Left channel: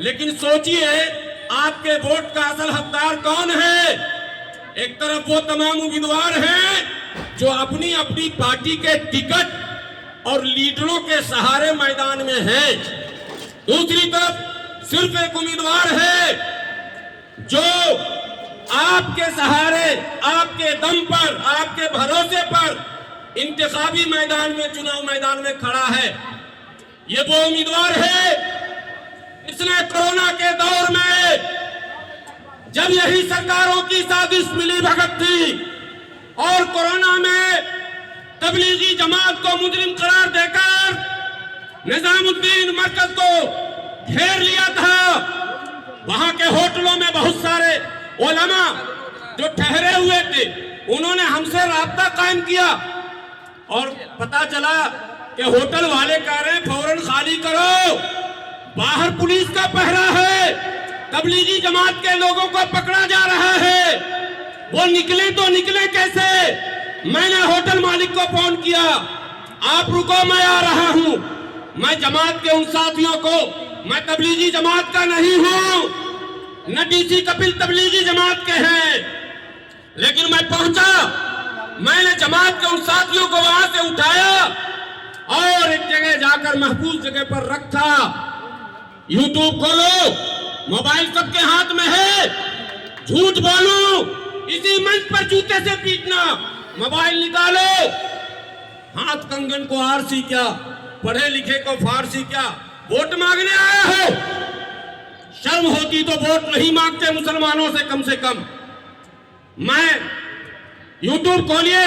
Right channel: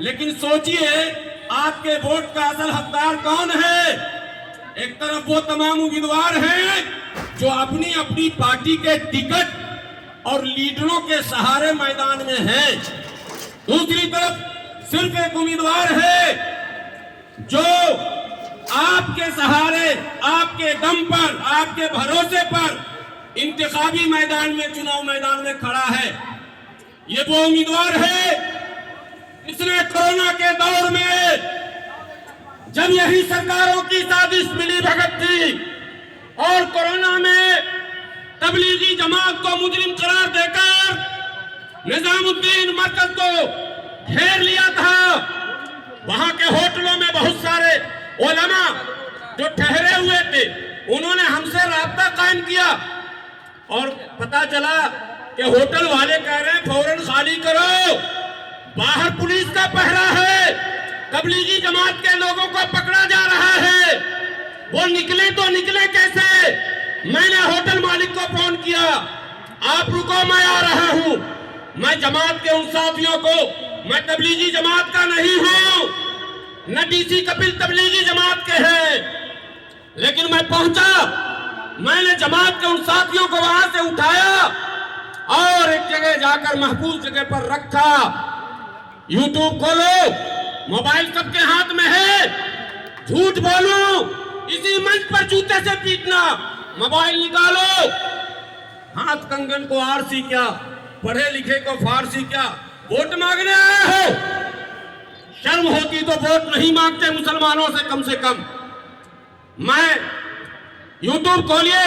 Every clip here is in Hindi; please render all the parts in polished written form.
लेकिन सोचिए आपके वोट का असल हकदार कौन है। एक तरफ वो तमाम उम्मीदवार हैं जो अपनी अपनी पार्टी के टिकट और लीडरों के सहारे मैदान में हैं, दूसरी तरफ सिर्फ एक उम्मीदवार है जो आपके सहारे, आपके दम पर, आपके भरोसे पर इंतखाबी मैदान में, चुनाव मैदान में खड़ा है। ये वो उम्मीदवार है इसने कोरोना के दौर में, जब यही सरकारों की साजिश मिली भगत थी और कोरोना में तबलीगी जमात को मुजरिम करार देकर निजामुद्दीन मरकज को घेर लिया था, वहां के होटलों में बहुत सारे उलमा जो ठहरे हुए थे उन्होंने हमसे राब्ता कायम किया और पता चला कि होटल वाले कह रहे हैं फौरन खाली करो, बाहर पुलिस का पहरा है, तबलीगी जमात के लोगों को पकड़ा जा रहा है, वो निकले तो निकले कैसे। मैंने होटल मालिक को फोन किया, आप रुको मैं आ रहा हूं। मैं जमात के उन साथियों को, मैं तबलीगी जमात का नहीं हूं, न डीसी कपिल तबलीगी जमात के हैं, लेकिन मैं पहुंचा, मैंने जमात के उन साथियों को वहां से उठाया और एक जगह जाकर महफूज जगह पर रखा। यूट्यूब खोलो, मोबाइल सबके हाथ में है, झूठ बोलूं इसी मंच पर जूते से पीटना, मोबाइल निकालो। हाथ कंगन को आरसी क्या, पढ़े लिखे को फारसी क्या, वोट मांगने आया हो, शर्म होती तो वोट नहीं मांगते मुसलमानों से कम। मैं यूट्यूब खोलिए,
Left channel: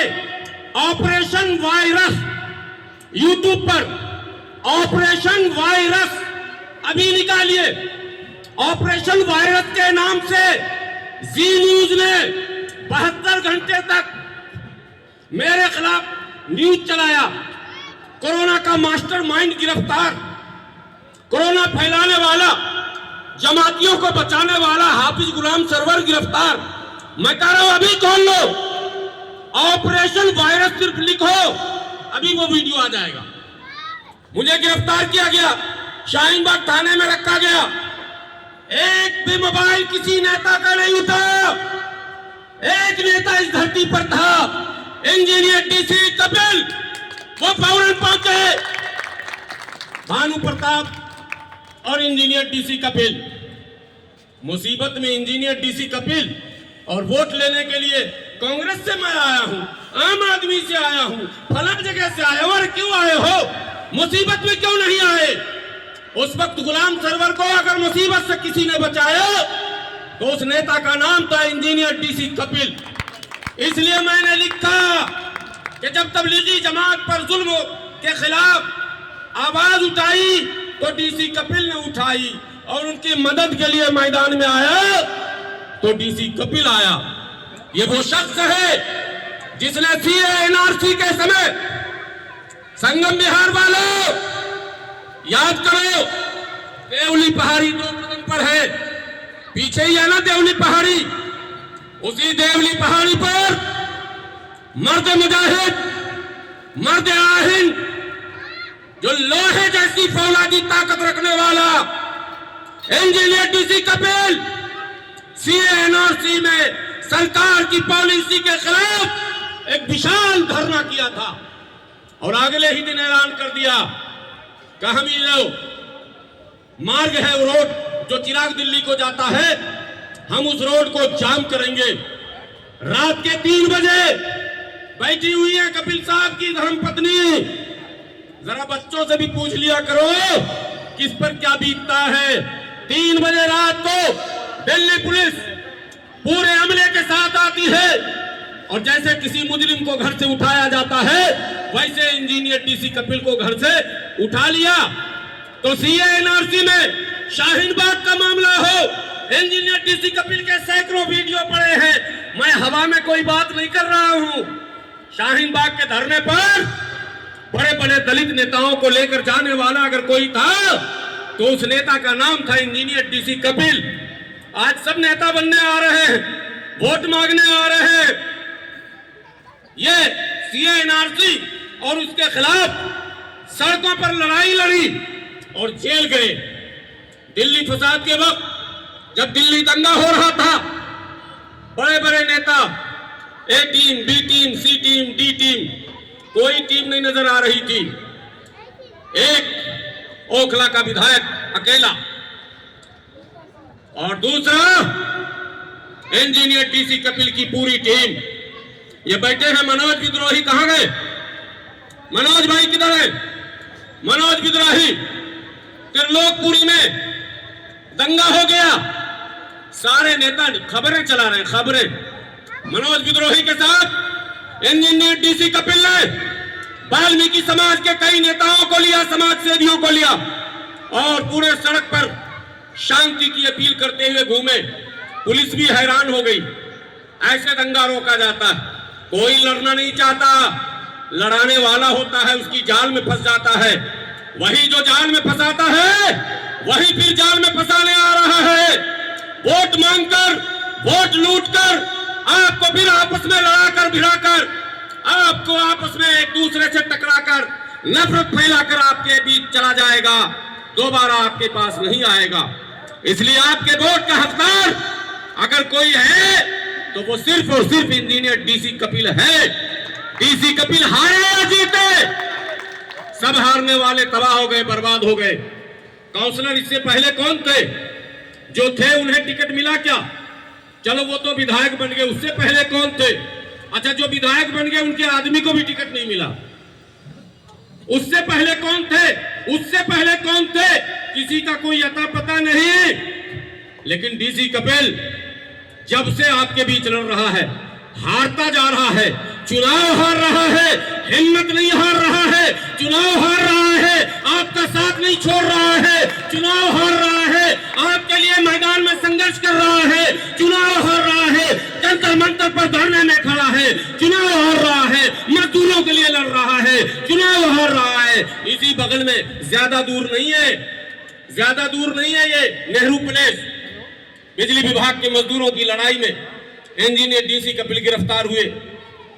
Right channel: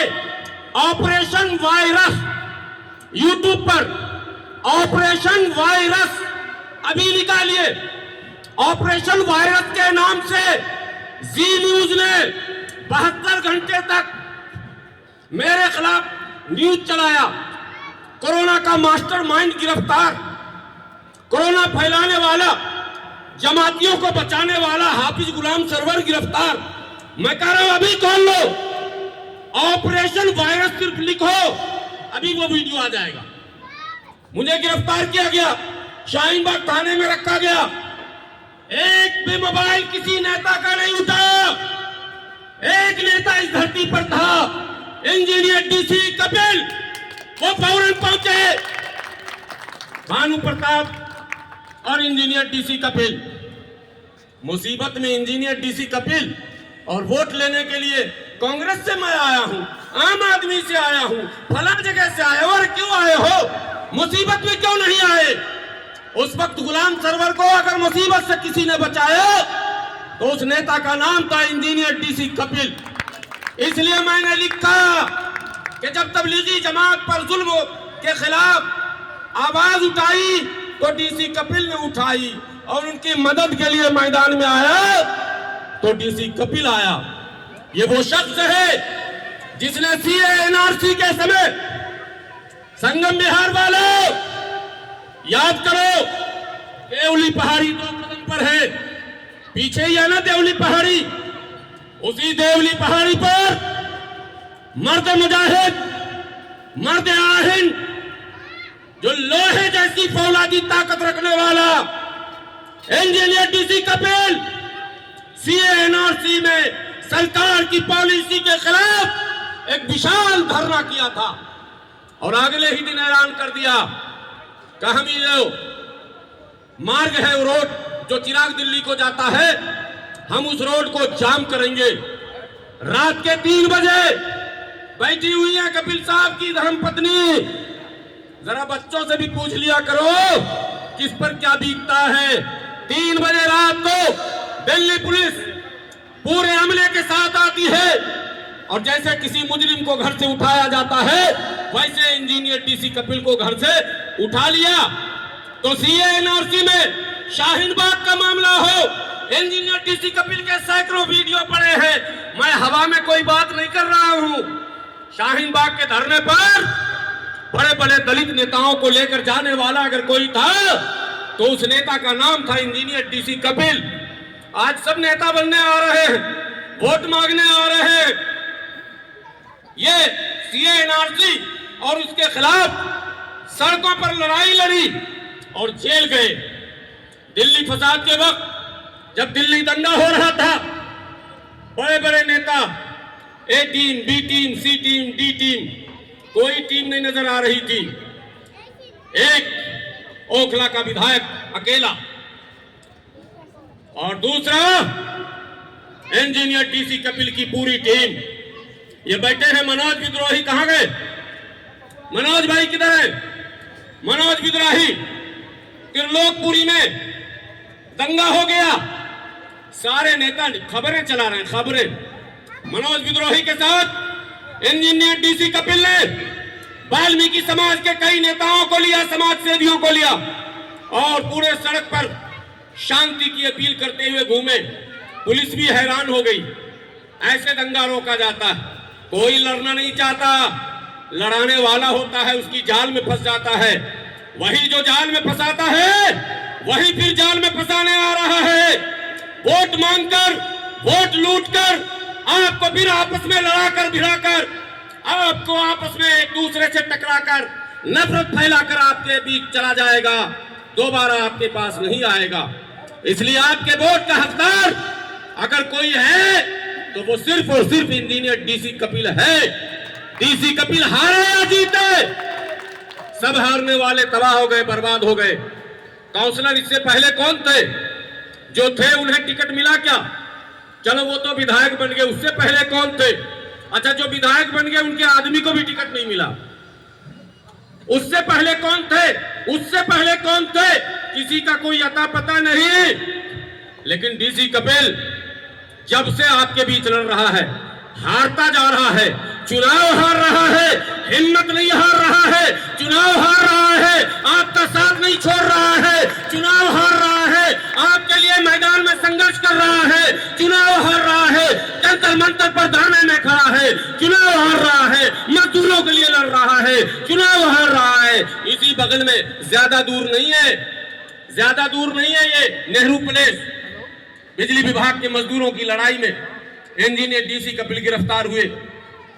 ऑपरेशन वायरस, यूट्यूब पर ऑपरेशन वायरस अभी निकालिए। ऑपरेशन वायरस के नाम से जी न्यूज ने 72 घंटे तक मेरे खिलाफ न्यूज चलाया। कोरोना का मास्टरमाइंड गिरफ्तार, कोरोना फैलाने वाला, जमातियों को बचाने वाला हाफिज गुलाम सरवर गिरफ्तार। मैं कह रहा हूं अभी खोल लो, ऑपरेशन वायरस सिर्फ लिखो, अभी वो वीडियो आ जाएगा। मुझे गिरफ्तार किया गया, शाहीन बाग थाने में रखा गया, एक भी मोबाइल किसी नेता का नहीं था। एक नेता इस धरती पर था, इंजीनियर डीसी कपिल, वो फौरन पहुंचे, भानु प्रताप और इंजीनियर डीसी कपिल। मुसीबत में इंजीनियर डीसी कपिल और वोट लेने के लिए कांग्रेस से मैं आया हूं, आम आदमी से आया हूं, फलां जगह से आया। और क्यों आए हो, मुसीबत में क्यों नहीं आए? उस वक्त गुलाम सरवर को अगर मुसीबत से किसी ने बचाया तो उस नेता का नाम था इंजीनियर डीसी कपिल। इसलिए मैंने लिखा कि जब तबलीगी जमात पर जुल्म के खिलाफ आवाज उठाई तो डीसी कपिल ने उठाई और उनकी मदद के लिए मैदान में आया तो डीसी कपिल आया। ये वो शख्स है जिसने सीए एनआरसी के समय, संगम बिहार वालों याद करो, देवली पहाड़ी 2 कदम पर है, पीछे ही है ना देवली पहाड़ी, उसी देवली पहाड़ी पर मर्द मुजाहिद, मर्द आहिन, जो लोहे जैसी फौलादी ताकत रखने वाला engineer DC Kapil CA NRC में सरकार की पॉलिसी के खिलाफ एक विशाल धरना किया था और अगले ही दिन ऐलान कर दिया कि हम ये मार्ग है, वो रोड जो चिराग दिल्ली को जाता है, हम उस रोड को जाम करेंगे। रात के 3 बजे बैठी हुई है कपिल साहब की धर्मपत्नी, जरा बच्चों से भी पूछ लिया करो किस पर क्या बीतता है। 3 बजे रात को दिल्ली पुलिस पूरे अमले के साथ आती है और जैसे किसी मुजरिम को घर से उठाया जाता है वैसे इंजीनियर डीसी कपिल को घर से उठा लिया। तो सीए एनआरसी में शाहीन बाग का मामला हो, इंजीनियर डीसी कपिल के सैकड़ों वीडियो पड़े हैं। मैं हवा में कोई बात नहीं कर रहा हूं। शाहीन बाग के धरने पर बड़े बड़े दलित नेताओं को लेकर जाने वाला अगर कोई था तो उस नेता का नाम था इंजीनियर डीसी कपिल। आज सब नेता बनने आ रहे हैं, वोट मांगने आ रहे हैं। ये सीए एनआरसी और उसके खिलाफ सड़कों पर लड़ाई लड़ी और जेल गए। दिल्ली फसाद के वक्त जब दिल्ली दंगा हो रहा था, बड़े बड़े नेता, ए टीम, बी टीम, सी टीम, डी टीम, कोई टीम नहीं नजर आ रही थी। एक ओखला का विधायक अकेला और दूसरा इंजीनियर डीसी कपिल की पूरी टीम। ये बैठे हैं मनोज विद्रोही, कहां गए? मनोज भाई किधर है? मनोज विद्रोही, त्रिलोकपुरी में दंगा हो गया, सारे नेता खबरें चला रहे हैं, खबरें। मनोज विद्रोही के साथ इंजीनियर डीसी कपिल ने वाल्मीकि समाज के कई नेताओं को लिया, समाज सेवियों को लिया और पूरे सड़क पर शांति की अपील करते हुए घूमे। पुलिस भी हैरान हो गई, ऐसे दंगा रोका जाता है? कोई लड़ना नहीं चाहता, लड़ाने वाला होता है उसकी जाल में फंस जाता है। वही जो जाल में फंसाता है वही फिर जाल में फंसाने आ रहा है। वोट मांगकर, वोट लूटकर, आपको फिर आपस में लड़ाकर भिड़ाकर, आपको आपस में एक दूसरे से टकराकर, नफरत फैलाकर आपके बीच चला जाएगा, दोबारा आपके पास नहीं आएगा। इसलिए आपके वोट का हकदार अगर कोई है तो वो सिर्फ और सिर्फ इंजीनियर डीसी कपिल है। डीसी कपिल हारे या जीते, सब हारने वाले तबाह हो गए, बर्बाद हो गए। काउंसलर इससे पहले कौन थे? जो थे उन्हें टिकट मिला क्या? चलो वो तो विधायक बन गए, उससे पहले कौन थे? अच्छा, जो विधायक बन गए उनके आदमी को भी टिकट नहीं मिला। उससे पहले कौन थे? उससे पहले कौन थे? किसी का कोई अता पता नहीं। लेकिन डीसी कपिल जब से आपके बीच लड़ रहा है, हारता जा रहा है, चुनाव हार रहा है, हिम्मत नहीं हार रहा है, चुनाव हार रहा है, आपका साथ नहीं छोड़ रहा है, चुनाव हार रहा है, आपके लिए मैदान में संघर्ष कर रहा है, चुनाव हार रहा है, जंतर मंतर पर धरने में खड़ा है, चुनाव हार रहा है, मजदूरों के लिए लड़ रहा है, चुनाव हार रहा है। इसी बगल में ज्यादा दूर नहीं है, ज्यादा दूर नहीं है, ये नेहरू प्लेस बिजली विभाग के मजदूरों की लड़ाई में इंजीनियर डीसी कपिल गिरफ्तार हुए।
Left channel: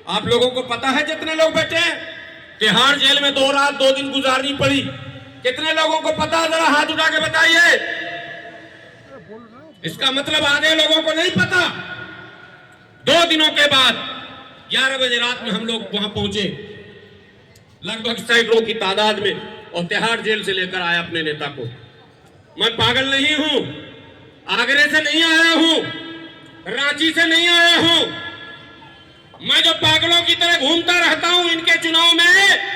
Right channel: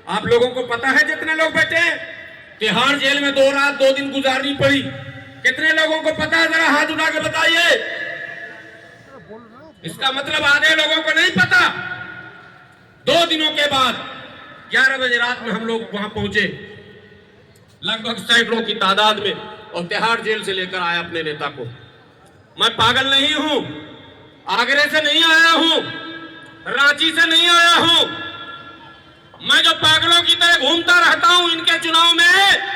आप लोगों को पता है जितने लोग बैठे हैं, तिहाड़ जेल में 2 रात 2 दिन गुजारनी पड़ी, कितने लोगों को पता है? जरा हाथ उठा के बताइए। इसका मतलब आधे लोगों को नहीं पता। 2 दिनों के बाद 11 बजे रात में हम लोग वहां पहुंचे, लगभग सैकड़ों की तादाद में, और तिहाड़ जेल से लेकर आया अपने नेता को। मैं पागल नहीं हूं, आगरे से नहीं आया हूं, रांची से नहीं आया हूं। मैं जो पागलों की तरह घूमता रहता हूं इनके चुनाव में,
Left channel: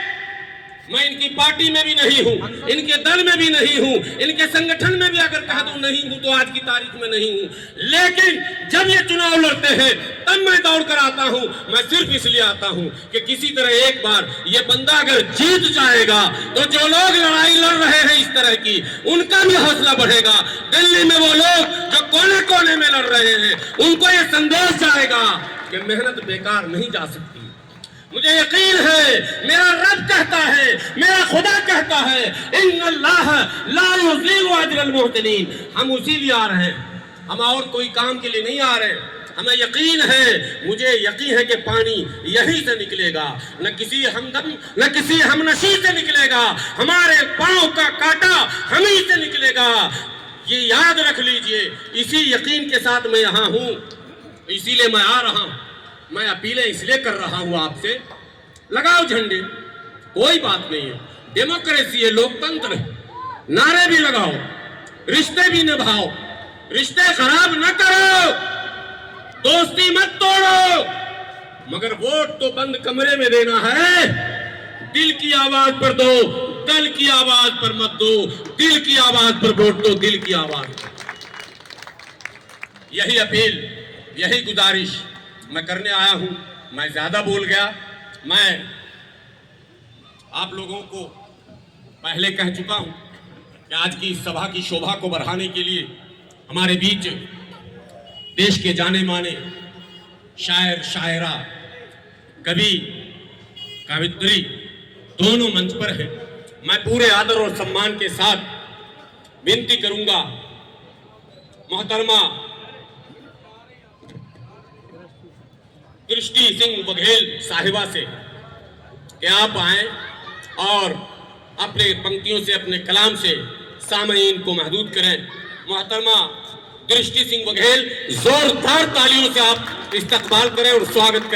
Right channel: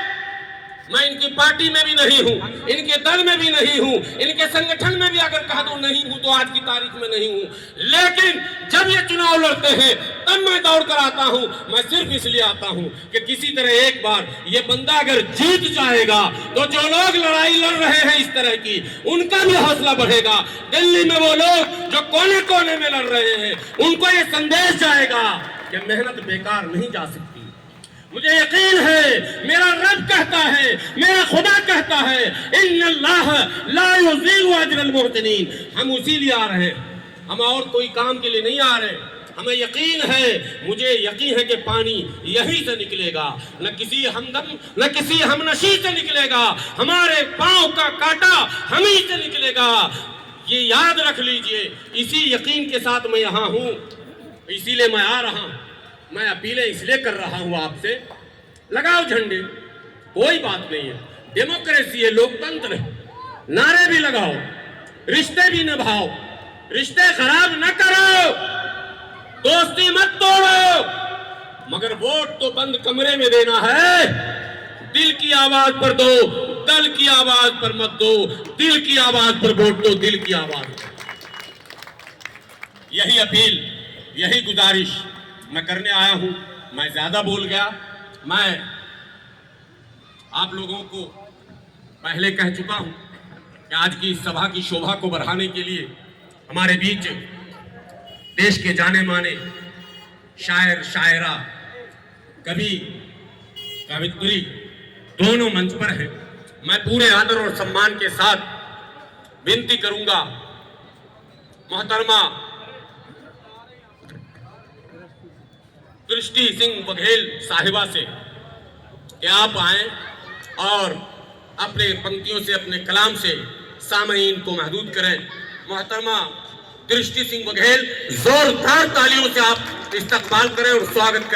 मैं इनकी पार्टी में भी नहीं हूं, इनके दल में भी नहीं हूं, इनके संगठन में भी अगर कह दो नहीं हूं तो आज की तारीख में नहीं हूं। लेकिन जब ये चुनाव लड़ते हैं तब मैं दौड़ कर आता हूं। मैं सिर्फ इसलिए आता हूं कि किसी तरह एक बार ये बंदा अगर जीत जाएगा तो जो लोग लड़ाई लड़ रहे हैं इस तरह की, उनका भी हौसला बढ़ेगा। दिल्ली में वो लोग जो कोने कोने में लड़ रहे हैं, उनको ये संदेश जाएगा कि मेहनत बेकार नहीं जा सकती। मुझे यकीन है, मेरा रब कहता है, मेरा खुदा कहता है, इन्नल्लाह ला युज़ीउ अजरल मुहसिनीन। हम उसी लिए आ रहे हैं, हम और कोई काम के लिए नहीं आ रहे। हमें यकीन है, मुझे यकीन है कि पानी यहीं से निकलेगा, न किसी हमदम न किसी हमनशी से निकलेगा, हमारे पांव का कांटा हम ही से निकलेगा। ये याद रख लीजिए। इसी यकीन के साथ मैं यहाँ हूँ, इसीलिए मैं आ रहा हूँ। मैं अपीलें इसलिए कर रहा हूं आपसे, लगाओ झंडे, कोई बात नहीं है, डेमोक्रेसी है, लोकतंत्र है, नारे भी लगाओ, रिश्ते भी निभाओ, रिश्ते खराब न करो, दोस्ती मत तोड़ो, मगर वोट तो बंद कमरे में देना है। दिल की आवाज पर दो, दल की आवाज पर मत दो, दिल की आवाज पर वोट दो, दिल की आवाज पर। यही अपील, यही गुजारिश मैं करने आया हूं। मैं ज्यादा बोल गया। मैं आप लोगों को पहले कह चुका हूं कि आज की इस सभा की शोभा को बढ़ाने के लिए हमारे बीच देश के जाने माने शायर, शायरा, कवि, कवित्री दोनों मंच पर हैं। मैं पूरे आदर और सम्मान के साथ विनती करूंगा मोहतरमा दृष्टि सिंह बघेल साहिबा से कि आप आए और अपने पंक्तियों से, अपने कलाम से सामईन को महदूद करें। मोहतरमा दृष्टि सिंह बघेल, जोरदार तालियों से आप इस्तकबाल करें और स्वागत करें।